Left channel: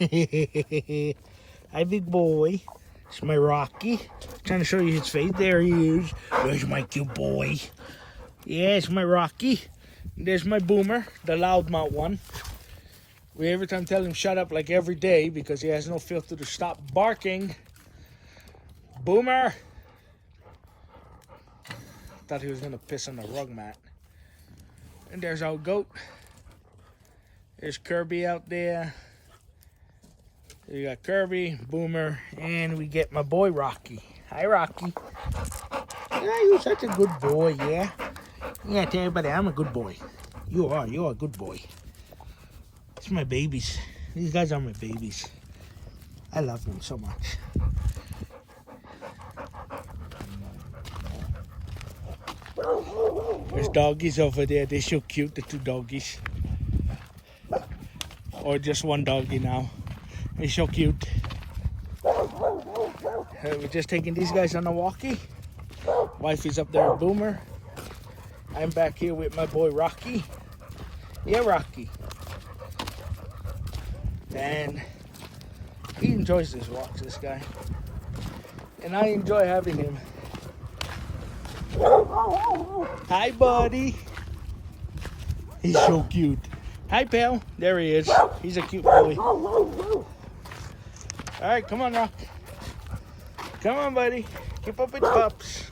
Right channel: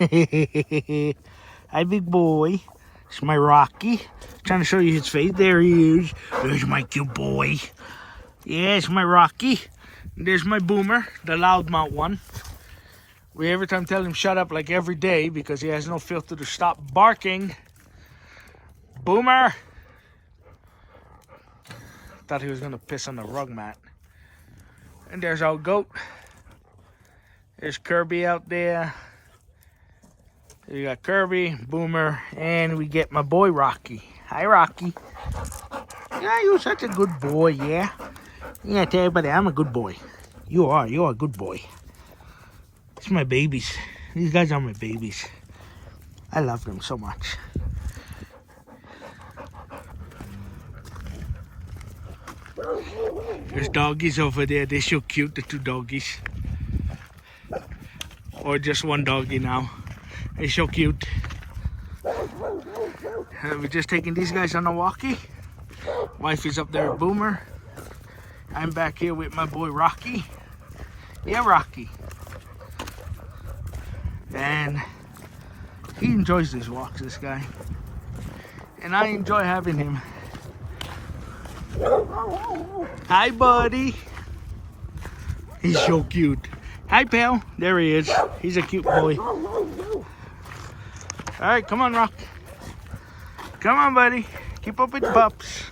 Hi, big boy. It's my Rocky. Trying to show you his face. There he is. There's my cute boy. Yeah, it's my Rocky. There's my Boomer, the loudmouth one. We every time tell him shut up like every day because he has no filter to stop barking. Boomer! Thought he was gonna piss on the rug mat. And there's our goat. There's Kirby out there. You got Kirby, Boomer, and we get my boy Rocky. Hi, Rocky. Yeah, you're such a good boy, yeah? Yeah, tell everybody I'm a good boy. You're a good boy. It's my babies. These guys are my babies. I love them so much. There's doggies over there. They're so cute, the two doggies. Or just one doggy now. They're so cute. We're just taking these guys on a walkie. Wife is up there with Boomer. I'm back here with my boy Rocky. Yeah, Rocky. And he enjoys these walks, this guy. And I enjoy having him. Hi, buddy. He's so cute. Hi, pal. There he is. He's a cute boy. All right, come on, Rock. Come on, buddy. Keep up with the pups.